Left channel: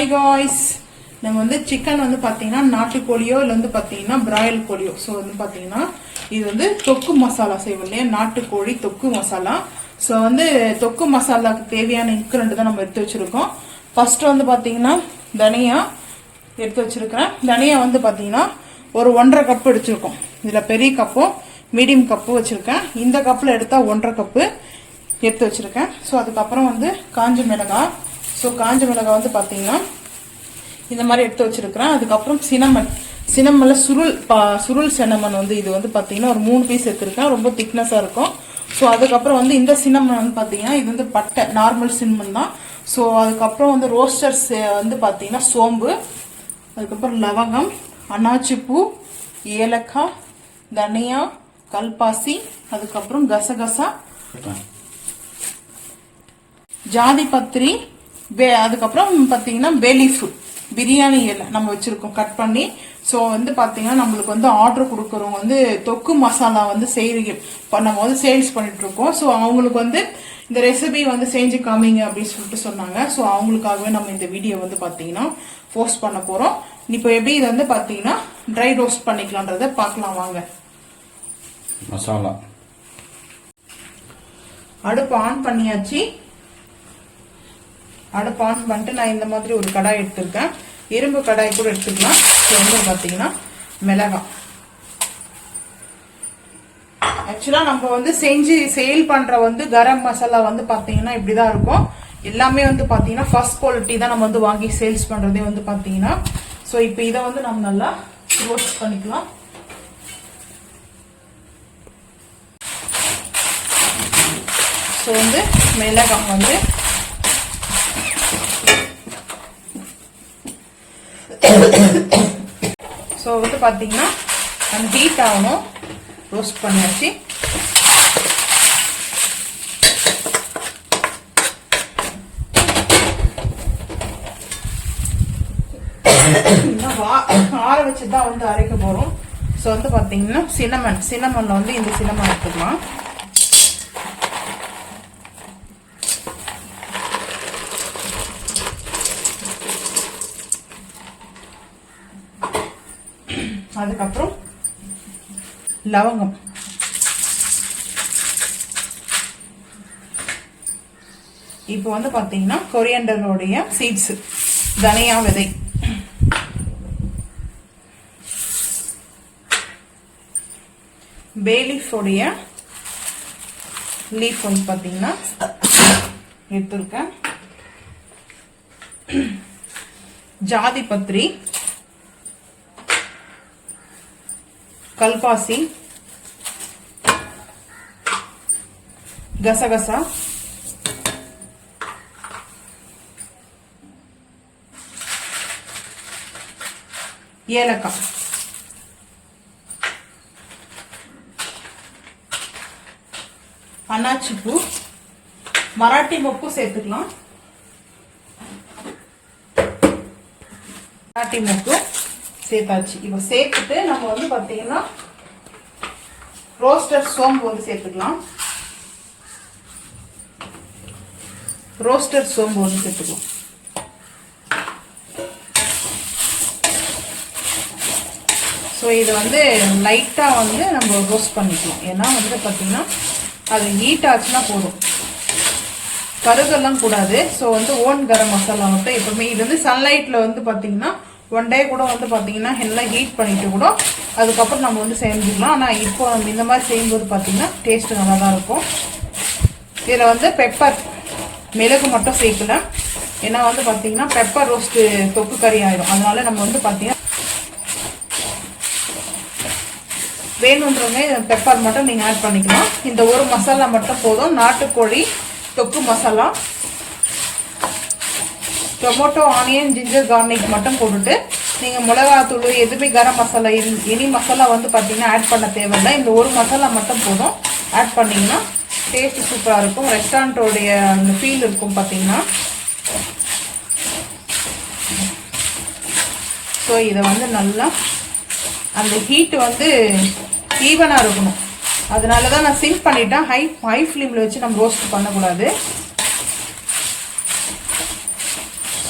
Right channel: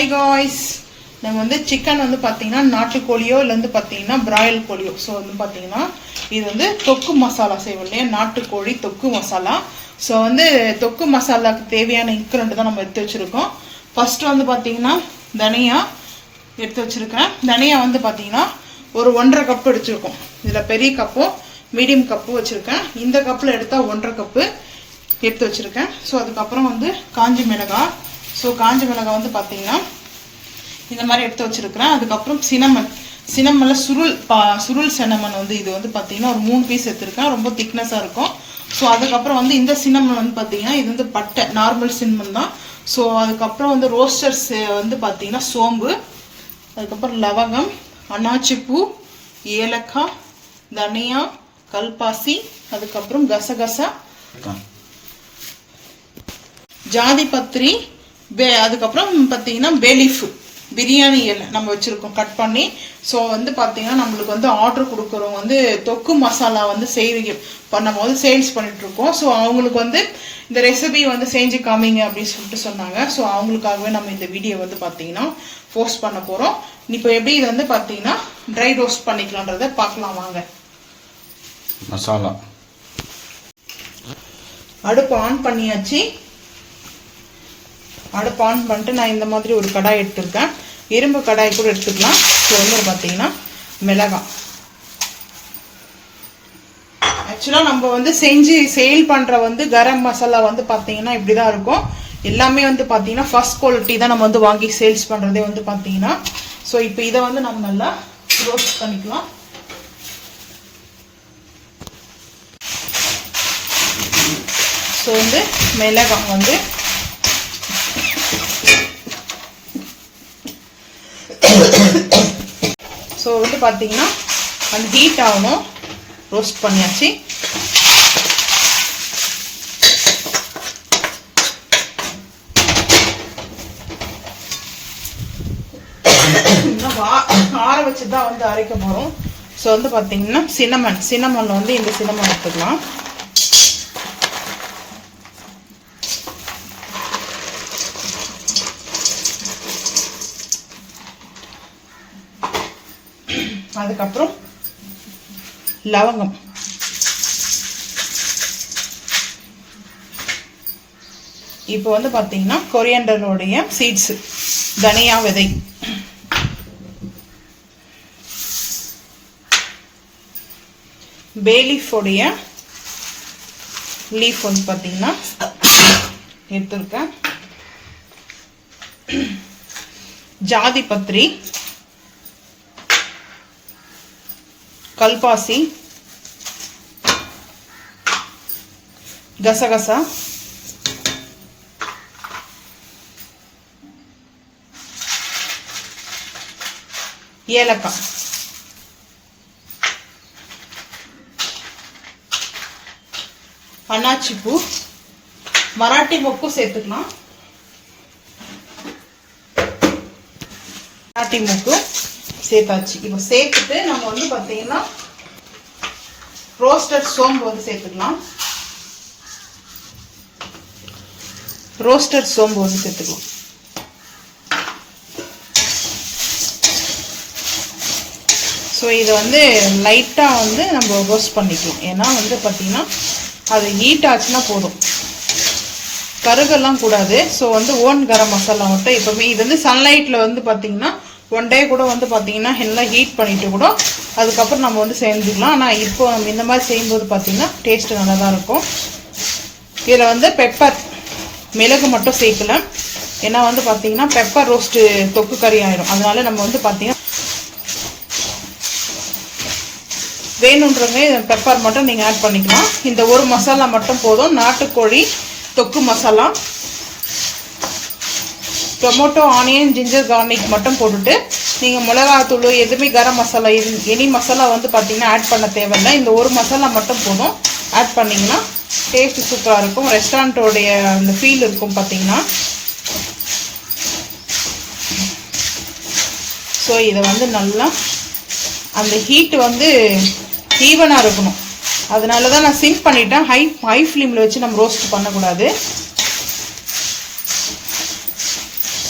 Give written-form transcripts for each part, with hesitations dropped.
Hi guys, நம்ம வந்து chicken வந்து பாத்தீங்கன்னா நாட்டுக்கோழியோ இல்ல வந்து பாத்தீங்கன்னா பிராயில் கோழியோ சோ வந்து பாத்தீங்கன்னா இது வந்து தொக்கு மசாலா செய்வோம்ல நாட்டுக்கோழி தொக்கு மசாலா சோ வந்து தொக்கு மசாலாக்கு தேவையான இன்கிரிடியன்ட் தான் நம்ம எடுத்து வச்சிருக்கோம் ஃபர்ஸ்ட் வந்து பாத்தீங்கன்னா தனியா எடுத்து வச்சிருக்கேன் தனியா வந்து பாத்தீங்கன்னா ஒரு 1.5 கப் எடுத்துருக்கோம் இதுல பெரிய கப்போ மீடியம் கப்பு வச்சிருக்கேன் இந்த கப்ல எடுத்தா 1.5 கப் எடுத்து வச்சிருக்கேன் சோ அதுக்கு அப்புறம் வந்து காஞ்ச மிளகாய் சோ காஞ்ச மிளகாய் வந்து பாத்தீங்கன்னா இந்த மாதிரி எடுத்து வச்சிருக்கேன் அதுக்கு அப்புறம் சினமன்ல சுருள் சினமன் வந்து இது வந்து பாத்தீங்கன்னா ஒரு 3 பீஸ் எடுத்துர்க்கேன் ரொம்ப திக்னஸா இருக்கும் சோ அதுக்கு அப்புறம் வந்து இந்த சினமன் வந்து பாத்தீங்கன்னா இது வந்து பட்டை நார்மல் சினமன் தான் சோ அதுக்கு அப்புறம் வந்து ரோஸ்டர்ஸ் வந்து பாத்தீங்கன்னா சோம்பு அதுக்கு அப்புறம் லவங்கம் அன்னாச்சி பூ ஏலக்காய் தனியா கல்பாசி அதுக்கு அப்புறம் கசகசா ஜாதி பத்திரி அதுக்கு அப்புறம் பாத்தீங்கன்னா பே லீஃப் பிரியாணி இலை நம்ம வச்சிருக்கோம் கட் பண்ணி சோ வந்து பாத்தீங்கன்னா நம்மளுக்கு வந்து ஆர்டர் கொடுக்கறவங்க வந்து தொக்கு மசாலா வந்து பண்ணும்போது சேல்ஸ் பண்ணிட்டு இருக்கோம் சோ அவங்களுக்கு வந்து இந்த ரெசிபி வந்து செஞ்சு காமிங்க அப்படின்னு சொல்லிட்டு சொன்னாங்க சோ அவங்களுக்காகவே நம்ம இந்த வீடியோ வந்து பாத்தீங்கன்னா போஸ்ட் பண்ண போறோம் இப்போ எப்படி இது வந்து பாத்தீங்கன்னா ட்ரை ரோஸ்ட் பண்ணிக்கலாம்ன்றத பார்க்கலாம் வாங்க மசாலா அடுப்பு ஆன் பண்ணியாச்சு அடுப்பு ஆன் பண்ணிட்டு நான் இந்த மாதிரி ஒரு கடாய் எடுத்துருக்கேன் இரும்பு கடாய் கூட எடுத்துக்கலாம் ஸோ வந்து பார்த்தீங்கன்னா மிளகாய் ஆக்சுவலாக நம்ம வந்து செஞ்சு சேல் பண்ணுற வந்து கரம் மசாலா வந்து பார்த்தீங்கன்னா இப்படி தான் இருக்கும் எல்லாமே வந்து பார்த்தீங்கன்னா ஃபர்ஸ்ட் குவாலிட்டி தான் நம்ம வந்து வாங்கி சேல்ஸ் பண்ணுறதே வந்து பார்த்தீங்கன்னா ஸோ இப்போ இதை வந்து நம்ம நல்லா ரோஸ்ட் பண்ணிக்கலாம் ஸோ வந்து மிளகாய் வந்து ஸோ வந்து பார்த்தீங்கன்னா அந்த ஹீட் ஆகணும் ரோஸ்ட் பண்ணியாச்சு ஆற வச்சு தான் வந்து அரைக்க போகிறோம் ஸோ வந்து பார்த்தீங்கன்னா சினமன்ல வந்து இந்த சினமன் எடுத்துக்கலாம் அதுக்கப்புறம் லவங்கம் இப்போ வந்து பாத்தீங்கன்னா கொரியாண்டரோடைய சீட்ஸ் தனியா விதை பே லீஃப் உடைய லீஃப் வந்து பாத்தீங்கன்னா எடுத்துருக்கேன் ஜாதி பத்திரி கல்பாசி கசகசா ஏலக்காய் அன்னாச்சி பூ மராட்டி மொக்கு சேர்த்துக்கலாம் மராட்டி மொக்கு சேர்த்தாச்சு இப்போ சேர்த்துட்டு நம்ம வந்து பாத்தீங்கன்னா ரோஸ்டட் சோம்பு வந்து சேர்த்துக்கலாம் ரோஸ்டட் சோம்பு வந்து சேர்த்துக்கலாம் ஸோ இதை வந்து லைட்டா வந்து நம்ம ரோஸ்ட் பண்ணிக்கலாம் ஏன்னா வந்து பாத்தீங்கன்னா அது ஹீட் ஆச்சுன்னா போதும் கருகெல்லாம் கூடாது ஸோ வந்து ஓன் கரம் மசாலா மட்டும் எப்பவுமே இது வந்து சன்லைட்ல வந்து பாத்தீங்கன்னா 1 டே கூட வந்து பாத்தீங்கன்னா எல்லாம் ஹீட் பண்ணிட்டு கூட அதுக்கப்புறம் நம்ம வந்து செஞ்சுக்கலாம் ஆனால் இப்போ நம்ம இந்த மாதிரி செய்யும்போது பார்த்தீங்கன்னா டேஸ்ட் நல்லா தான் இருக்கும் இதில் வந்து பெப்பர் மிளகு மட்டும் சேர்க்கல ஏன்னா வந்து பார்த்தீங்கன்னா பெப்பர் ரோஸ்ட்டு தொக்கு கறி ஆயிடும் அதனால நம்ம வந்து பார்த்தீங்கன்னா வேணுன்றவங்க பெப்பர் மட்டும் நீங்கள் ஆட் பண்ணிக்கலாம் இந்த ஒரு மசாலா மட்டும் போதும் நாட்டுக்கோழி தொக்கு masala tomato onion ginger garlic மட்டும் போட்டுட்டு நீங்கள் மிளகாத்தூள் எதுவுமே கரம் மசாலா எனி மசாலா வந்து பார்த்தீங்கன்னா ஆட் பண்ண தேவையில்லை இந்த ஒரு மசாலா மட்டும் போதும் ஆட் பண்ணிங்கன்னா டேஸ்ட் சூப்பராக இருக்கும் ரெஸ்டாரண்ட்டோடைய அந்த ஃபீல் இருக்கும் பார்த்தீங்கன்னா ஸோ இதை வந்து நல்லா அந்த ஹீட் வந்து ஈவனாக இருக்கணும் அதனால தான் நான் சிம் பண்ணிட்டேன் ஹை ஃப்ளேமில் வச்சு நம்ம ரோஸ்ட் பண்ணக்கூடாது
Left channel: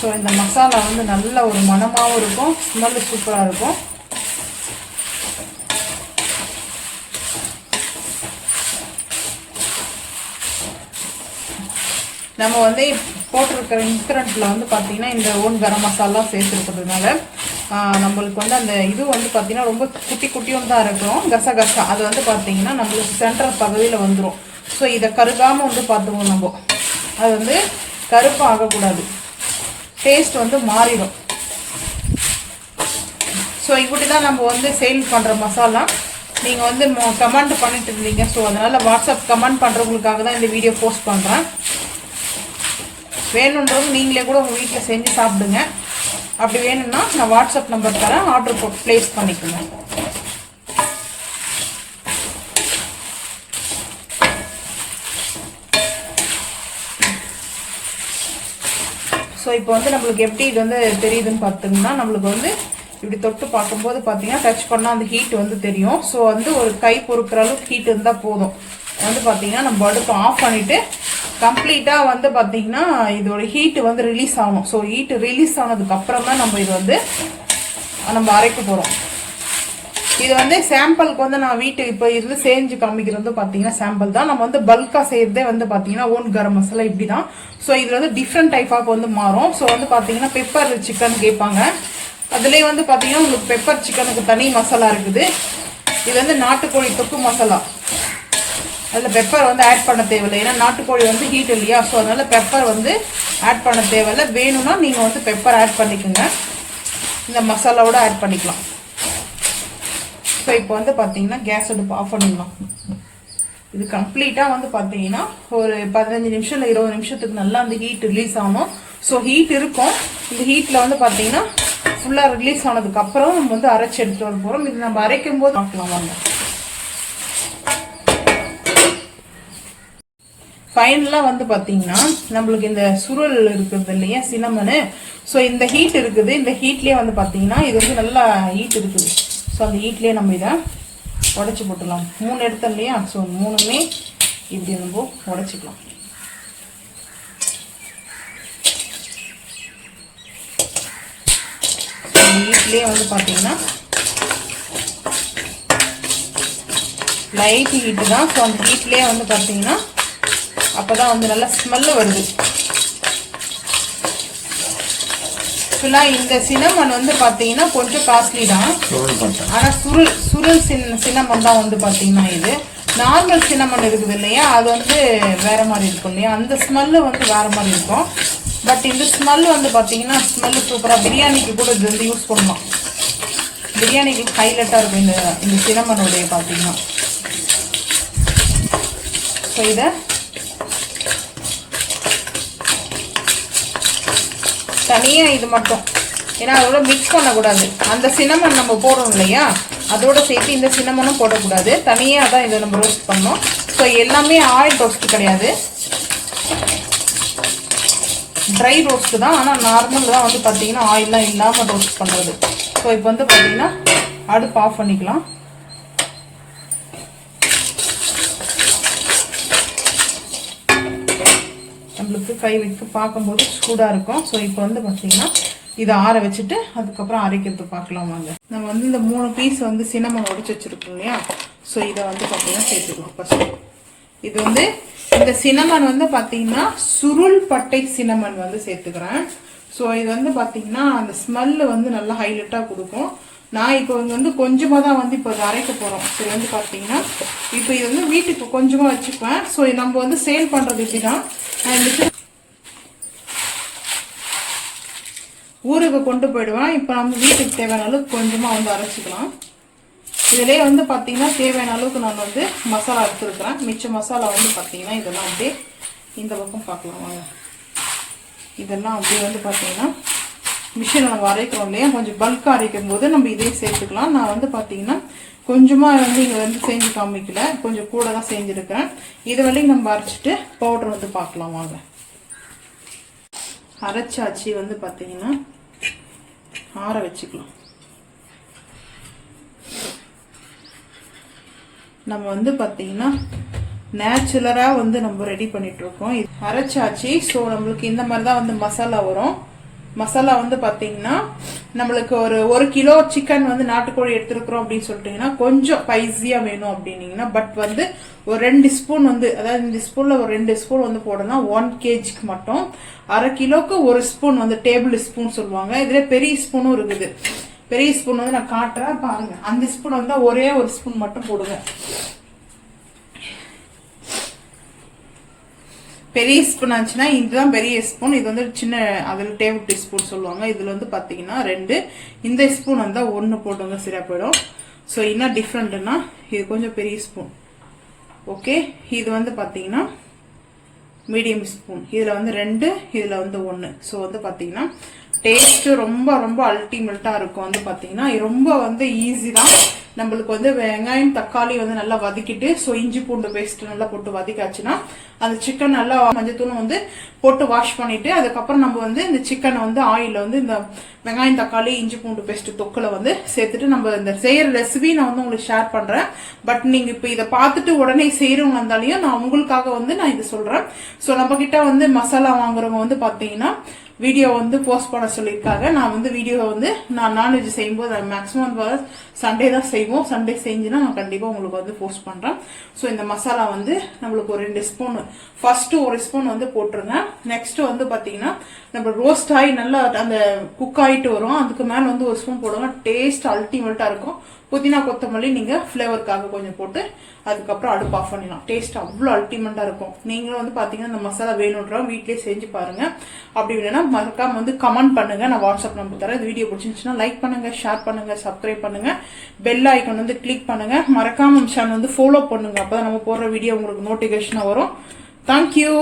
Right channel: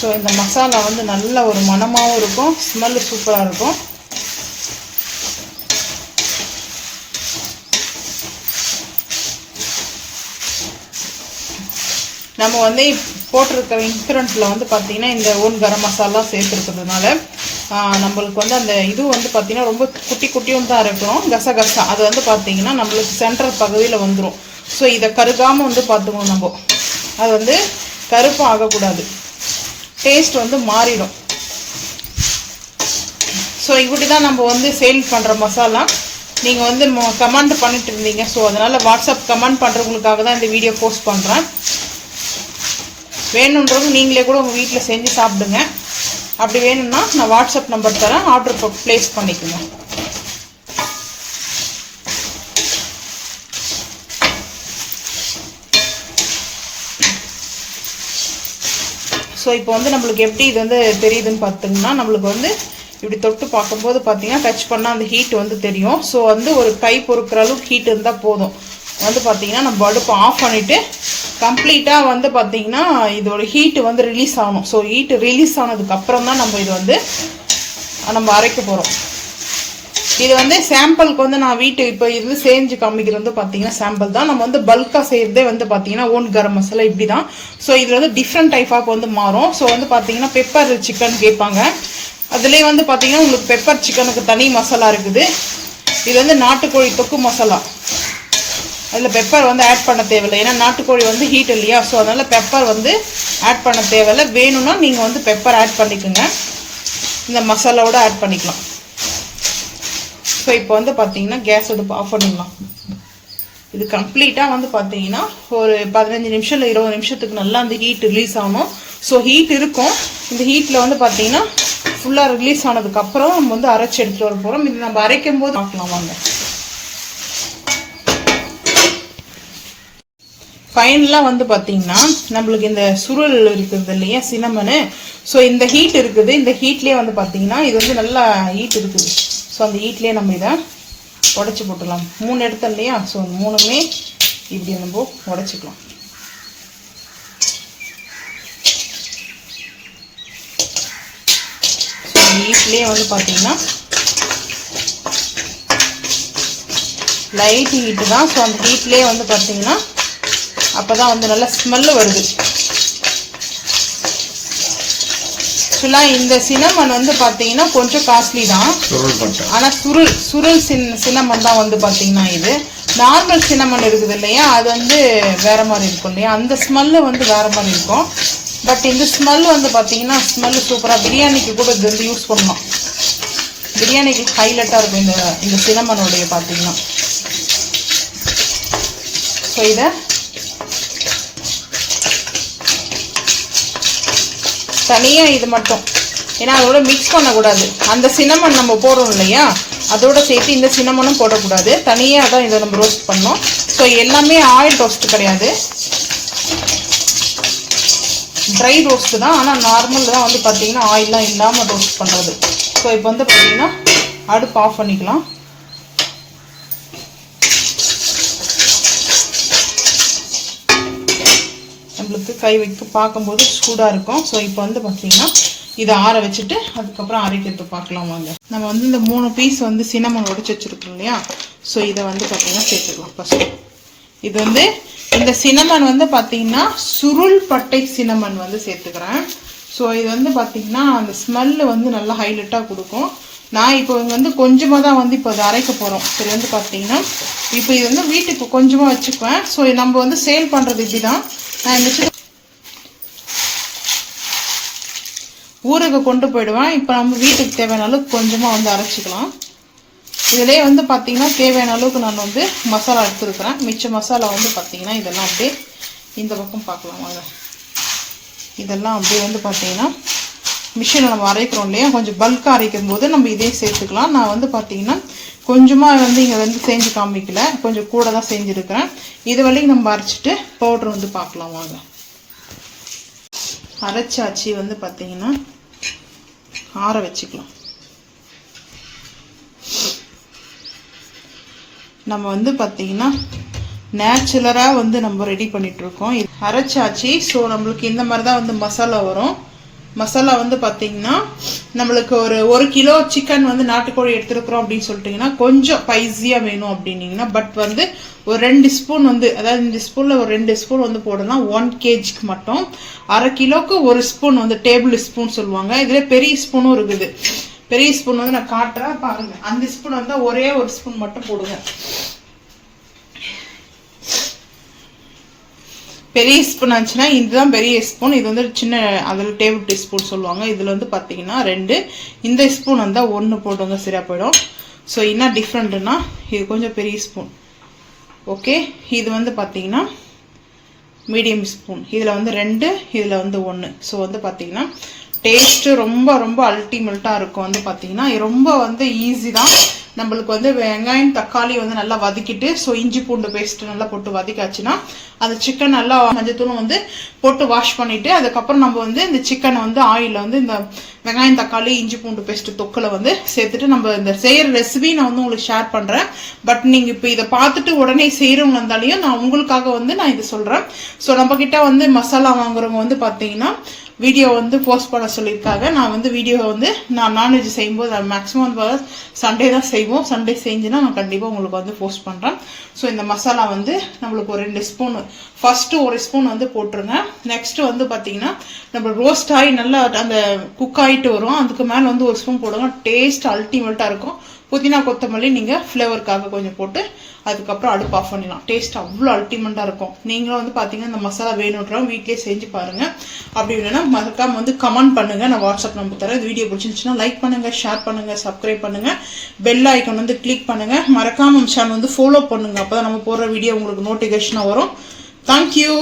ஸோ இந்த மசாலா வந்து நல்ல ஒரு மணமாகவும் இருக்கும், ஸ்மெல்லு சூப்பராக இருக்கும். நம்ம வந்து போட்டிருக்க இன்க்ரண்ட்டில் வந்து பார்த்திங்கன்னா இந்த ஓன் கரம் மசாலா சேர்த்துருக்கிறதுனால நம்மளுக்கு வந்து அந்த இது வந்து பார்த்திங்கன்னா ரொம்ப குட்டி குட்டியும் தான் இருக்கணும், கசகசா அது வந்து பார்த்திங்கன்னா நம்மளுக்கு சென்ட்ரல் பகுதியில் வந்துடும். ஸோ இதை கருகாமல் வந்து பார்த்துக்கணும் நம்ம, அது வந்து கருப்பு ஆகக்கூடாது, டேஸ்ட் வந்து மாறிடும். ஸோ இப்படி தான் நம்ம வந்து சேல் பண்ணுற மசாலா. நீங்கள் வந்து கமெண்ட் பண்ணிட்டு இருந்தீங்க, ஸோ அதனால் வாட்ஸ்அப் கமெண்ட் பண்ணுறவங்களுக்காக தான் இந்த வீடியோ போஸ்ட் பண்ணுறேன். வேணுன்றவங்க நீங்களே கூட உங்கள் வீட்டில் செஞ்சு சாப்பிடுங்க. அப்படி வேணும்னா நான் வாட்ஸ்அப் நம்பர் தரேன், ஆர்டர் ப்ளேஸ் பண்ணிக்கோங்க. ஸோ இப்போ வந்து நம்மளுக்கு எப்படி இது வந்து தெரியுதுன்னு பார்த்தோம்னா, நம்மளுக்கு வந்து இப்படி தொட்டு பார்க்கும்போது பார்த்தீங்கன்னா டச் பண்ணால் அந்த ஹீட் வந்து தெரியும். ஸோ வந்து ஒரு கை பொறுக்கிற அளவுக்கு ஹீட் இருந்தால் போதும். வந்து பார்த்தீங்கன்னா நம்ம அடுப்பு ஆஃப் பண்ணிவிட்டு கம்ப்ளீட்டாக வந்து பார்த்திங்கன்னா இதோட ஹீட்டு வந்து ரிலீஸ் ஆகணும். ஸோ ஹீட்டு ரிலீஸ் ஆனதுக்கப்புறம் தான் நம்ம இது வந்து நம்ம அரைக்க போகிறோம். இது வந்து சாம்பிளுக்கு வந்து நான் இப்போ இது செஞ்சு காமிக்கிறது வந்து பார்த்தீங்கன்னா சாம்பிள் தான். நம்ம வந்து பல்காக செய்கிறதே வந்து பார்த்தீங்கன்னா ஓன் கரம் மசாலா இப்படி தான். ஸோ இதில் வந்து டிஃப்ரெண்ட் டைப் ஆஃப் வந்து மாறும். ஸோ வந்து பார்த்தீங்கன்னா பெப்பர் சிக்கன் கேட்பாங்க, அதுலேயே வந்து பார்த்தீங்கன்னா உங்களுக்கு பெப்பர் சிக்கனுக்கு தனி மசாலா இருக்குது. இது வந்து நாட்டுக்கோழி தொக்கு மசாலா, அதில் பெப்பர் வந்து ஆட் பண்ண தேவையில்லை, ஏன்னா நாட்டுக்கோழி வந்து ஹீட் இல்லையா. ஸோ அதனால் பெப்பர் வந்து ஆட் பண்ண தேவையில்லை. வேணும்னா நீங்கள் வந்து பெப்பர் ஆட் பண்ணிக்கோங்க, இந்த மசாலாவோட ஆட் பண்ணிக்கலாம். ஸோ இப்போ வந்து பார்த்தீங்கன்னா கேஸ் அடுப்பு ஆஃப் பண்ணிடலாம். இது கம்ப்ளீட்டாக வந்து பார்த்தீங்கன்னா ஒரு 15 நிமிஷம் இல்லை 20 நிமிஷத்துக்கு நல்லா அந்த ஹீட் ரிலீஸ் ஆகணும். ஸோ ஹீட் இருக்கும், இந்த ஹீட்டில் வந்து பார்த்தீங்கன்னா ஃபுல்லாக ரிலீஸ் ஆனதுக்கப்புறம் நம்ம வந்து அரைச்சி எடுத்துகிட்டு வர போகிறோம். இது நம்ம அரைக்கும் போது பார்க்கலாம் வாங்க. ஃபைனலாக வந்து பார்த்தீங்கன்னா நம்மளுக்கு இந்த சுருள் இருக்குது இல்லையா, சினமனு. ஸோ இந்த ஹீட் இருக்குது, இந்த ஹீட்லேயே வந்து பார்த்தீங்கன்னா இது வந்து நல்லா ஹீட் இருக்குது. ஸோ அந்த ஹீட்லேயே நம்ம இதை உடச்சி போட்டுடலாம். 3 எடுத்தோம் இல்லையா, ஸோ 3மே இப்படி நம்ம உடச்சிக்கலாம். ஸோ இந்த ஹீட்லேயே வந்து பார்த்தீங்கன்னா லைட் ஹீட்டு தான். ஸோ அந்த ஹீட்லேயே வந்து பார்த்தீங்கன்னா அப்போ தான் வந்து நல்லா ஸ்மெல்லு வருது. ஆக்சுவலாக இந்த சினமன் வந்து பார்த்தீங்கன்னா கொஞ்சம் காஸ்ட்லி தான், ஆனால் சுருள் சினமன் தான் வந்து பார்த்தீங்கன்னா இது. நார்மல் சினமன் இருக்குது இல்லையா, அது வந்து வேறு மாதிரி இருக்கும் இல்லையா, அந்த ஸ்மெல்லு வந்து வேறு மாதிரி இருக்கும். பட் இந்த ஸ்மெல்லு வந்து பார்த்தீங்கன்னா ஸ்மெல்லு சூப்பராக, பிரியாணிக்கு கூட இது வந்து யூஸ் பண்ணலாம். பிரியாணிக்கு ஹைலைட்டாக இருக்கும் இந்த சினமனுடைய பார்த்தீங்கன்னா. ஸோ இதை தனியாக இது மட்டும், ஏன்னா அதோட மிக்ஸ் பண்ணக்கூடாது. அந்த சினமன் நம்ம போடுறோம் இல்லையா, அதோட சேர்த்து இந்த சினமனும் போடக்கூடாது, தனியாக தான் இதை நம்ம ரோஸ்ட் பண்ணோம். ஸோ எல்லாமே ஆயில் ரோஸ்ட் கிடையாது, ட்ரை ரோஸ்ட்டு தான். ஆனால் நார்மல் தான் வந்து பார்த்தீங்கன்னா ஆயிலெலாம் இல்லாமல் ரோஸ்ட் பண்ணுறது. ஸோ இப்போ வந்து பார்த்தீங்கன்னா அடுப்பு ஆஃப் பண்ணிக்கலாம். நம்மளுக்கு கை வைத்து பார்க்கும்போது சூடாக இருக்கும். ஸோ இப்போ வந்து பார்த்தீங்கன்னா இதை ஆற வச்சுட்டு அதுக்கப்புறம் அரைக்கிறது பார்க்கலாம் வாங்க. நம்ம வந்து இந்த 3 பீஸ் வந்து சினமன் உடைச்சி வச்சுருக்கோம் இல்லையா, ஸோ இதை வந்து பார்த்தீங்கன்னா சேர்த்துக்கலாம் ஃபஸ்ட்டு. இது வந்து இந்த சினமன் வந்து பார்த்தீங்கன்னா சுருள் பட்டை சினமன் வந்து சேர்த்துக்கிறேன். ஸோ இது வந்து பார்த்தீங்கன்னா அந்த ஸ்மெல்லு வந்து நல்லா ஹைலைட்டாக கொடுக்கும். நான் இப்போ வந்து கொஞ்சமாக தான் வந்து இப்போ அதை அரைக்க போகிறோம். சரி வந்து பார்த்தீங்கன்னா இப்போ இது வந்து வீட்டுக்கு கொஞ்சமாக வச்சுக்குவேன். ஸோ நம்ம வந்து சேல் பண்ணுறது இப்படி தான். நான் ஊருக்கு கொண்டு போயிடுவேன். இப்போ நம்ம வீட்டுக்கு தேவையான அளவுக்கு கொஞ்சமாக வந்து அரைச்சிக்கலாம். இதிலே வந்து பார்த்தீங்கன்னா தேவையான அளவுக்கு நான் வந்து மசாலா எடுத்துருக்கிறேன். மிச்ச மசாலா வந்து பார்த்தீங்கன்னா இதெல்லாம் அப்படியே இந்த பக்கம் பார்க்கலாம். இதெல்லாம் அப்படியே வந்து பார்த்தீங்கன்னா மிஷினில் நம்ம அரைக்கிறோம் இல்லையா, கொஞ்சம் பல்காக அரைக்கும் போது நம்ம இதே சேர்த்துக்கலாம். நான் வந்து பார்த்தீங்கன்னா கொஞ்சமாக வந்து இங்கே வந்து செஞ்சு காமிக்கல, கொஞ்சம் கூட தான் செஞ்சுருக்கிறேன். இது வரைக்கும் நம்ம அரைச்சிட்டு பவுட்ரு வந்து பார்க்கலாம் வாங்க. அரைச்சாச்சி வந்து பார்த்தீங்கன்னா ஆற வச்சுக்கலாம். நம்ம வந்து பார்த்தீங்கன்னா நேச்சுரலாக வந்து நம்ம ரெடி பண்ணிகிட்ருக்கோம். அரைச்சாச்சி. ஸோ நம்மளுக்கு இந்த மாதிரி தான் வந்து மசாலா வரும். மசாலா வந்து பார்த்தீங்கன்னா நம்மளுக்கு ஒரு கிலோ சிக்கன் வந்து நாட்டுக்கோழி எடுத்துருக்குறோம் அப்படின்னு சொல்லிட்டீங்கன்னா கொஞ்சம் ஸ்பைஸியாக வேணும் அப்படின்னீங்கன்னா பட் வந்து ஒரு 2 ஸ்பூன் வந்து அதாவது இந்த ஸ்பூனில் ஒரு 2 ஸ்பூன் வந்து போடலாம் 1 kgக்கு மட்டும். அரை கிலோக்கு 1 ஸ்பூன் வந்து டேபிள் ஸ்பூன் சொல்லுவாங்க. இதில் பெரிய ஸ்பூனும் இருக்குது. பெரிய ஸ்பூன் வந்து நான் காட்டுறேன் பாருங்க. அந்த ஸ்பூன் வந்து ஒரே ஒரு ஸ்பூன் மட்டும் போடுங்க. பெரிய ஸ்பூன் ஆச்சுன்னா இதுதான் பெரிய ஸ்பூன். இது வந்து சின்ன அதில் டேபிள் டீஸ்பூன் சொல்லுவாங்க. இதில் வந்து பார்த்தீங்கன்னா 2, இந்த ஸ்பூன் வந்தால் 1 போடுங்க, சரியா போயிடும். ஸோ என்ன டிஃப்ரெண்ட்னா இது கொஞ்சம் பெரிய ஸ்பூன். ஓகே, இது வந்து பார்த்தீங்கன்னா மீடியம் ஸ்பூன். இதில் வந்து 2, இதில் வந்து 1. ஸோ வந்து பார்த்தீங்கன்னா டேஸ்ட்டு ரொம்ப ரொம்ப அல்டிமேட்டாக இருக்கும். வந்து பார்த்தீங்கன்னா ரொம்ப வந்து ஈஸி தான். நம்மளுக்கு வந்து வெங்காயம் தக்காளி வந்து நல்லா வதக்கிட்டு ஸோ இஞ்சி பூண்டு பேஸ்ட்டு நல்லா போட்டு வதக்காச்சுன்னா அந்த சிக்கன் நல்லா மஞ்சத்தூளும் வந்து போட்டு வாஷ் பண்ணிவிட்டு அதுக்கப்புறம் நம்ம வந்து இந்த சிக்கனை வந்து ஆயிலில் வந்து இந்த வெங்காயம் தக்காளி இஞ்சி பூண்டு பேஸ்ட்டு தொக்கில் வந்து சேர்த்துட்டு நம்ம இந்த செய்கிற ரெசிபி நான் வந்து உங்களுக்கு ஷேர் பண்ணுறேன். பட் நீங்கள் இப்போ இதை பார்த்துட்டு உடனே செய்கிறவங்க இருந்தாலையும் நான் உங்களுக்காக வந்து நான் இதை சொல்கிறேன். ஸோ நம்மக்கிட்ட வந்து மசாலா வாங்குறவங்க வந்து பார்த்தீங்கன்னா வீடியோ வந்து போஸ்ட் பண்ண சொல்லியிருக்காங்க. நான் வந்து வீடியோ வந்து நான் நான்வெஜ் செய்யும்போது மேக்ஸிமம் சண்டே தான் செய்வோம். சண்டே செஞ்சுன்னா நான் கண்டிப்பாக உங்களுக்கு வந்து போஸ்ட் பண்ணுறேன். ஸோ இந்த மசாலா வந்து நம்மளுக்கு ஒரு 2 ஸ்பூன் ஃபஸ்ட்டு 1 ஸ்பூன் வந்து போட்டுருங்க. நெக்ஸ்ட்டு வந்து பார்த்தீங்கன்னா நம்ம ரோஸ்ட் ஆகி நல்லா அந்த குக் ஆகிட்டு வரும். அதுக்கு மேலே வந்து 1 ஸ்பூன் போடுங்க. டேஸ்ட் அல்டிமேட்டாக இருக்கும். புதினா கொத்தமல்லி நீங்கள் ஃப்ளேவருக்காக கொஞ்சம் போட்டு அதுக்கப்புறம் அடுப்பு ஆஃப் பண்ணிடலாம். டேஸ்ட் அவ்வளோ அல்டிமேட்டாக இருக்கும். நீங்களும் வந்து பார்த்தீங்கன்னா இந்த மசாலா வேணுன்றவங்க வீட்லேயே செஞ்சு பாருங்கள். அப்படி இல்லைன்னா மறக்காம வந்து கமெண்ட் பண்ணுங்கள். நான் வாட்ஸ்அப் நம்பர் தரேன். இந்த வீடியோ பிடிச்சிருந்துச்சுன்னா லைக் பண்ணுங்கள், ஷேர் பண்ணுங்கள், சப்ஸ்கிரைப் பண்ணுங்கள், பெல் ஐக்கான் வந்து கிளிக் பண்ணுங்கள். மறக்காம சேனல் வந்து ஃபாலோ பண்ணுங்கள். அப்போ தான் நம்ம போடுற வீடியோ உங்களுக்கு நோட்டிஃபிகேஷனாக வரும். தேங்க்யூ.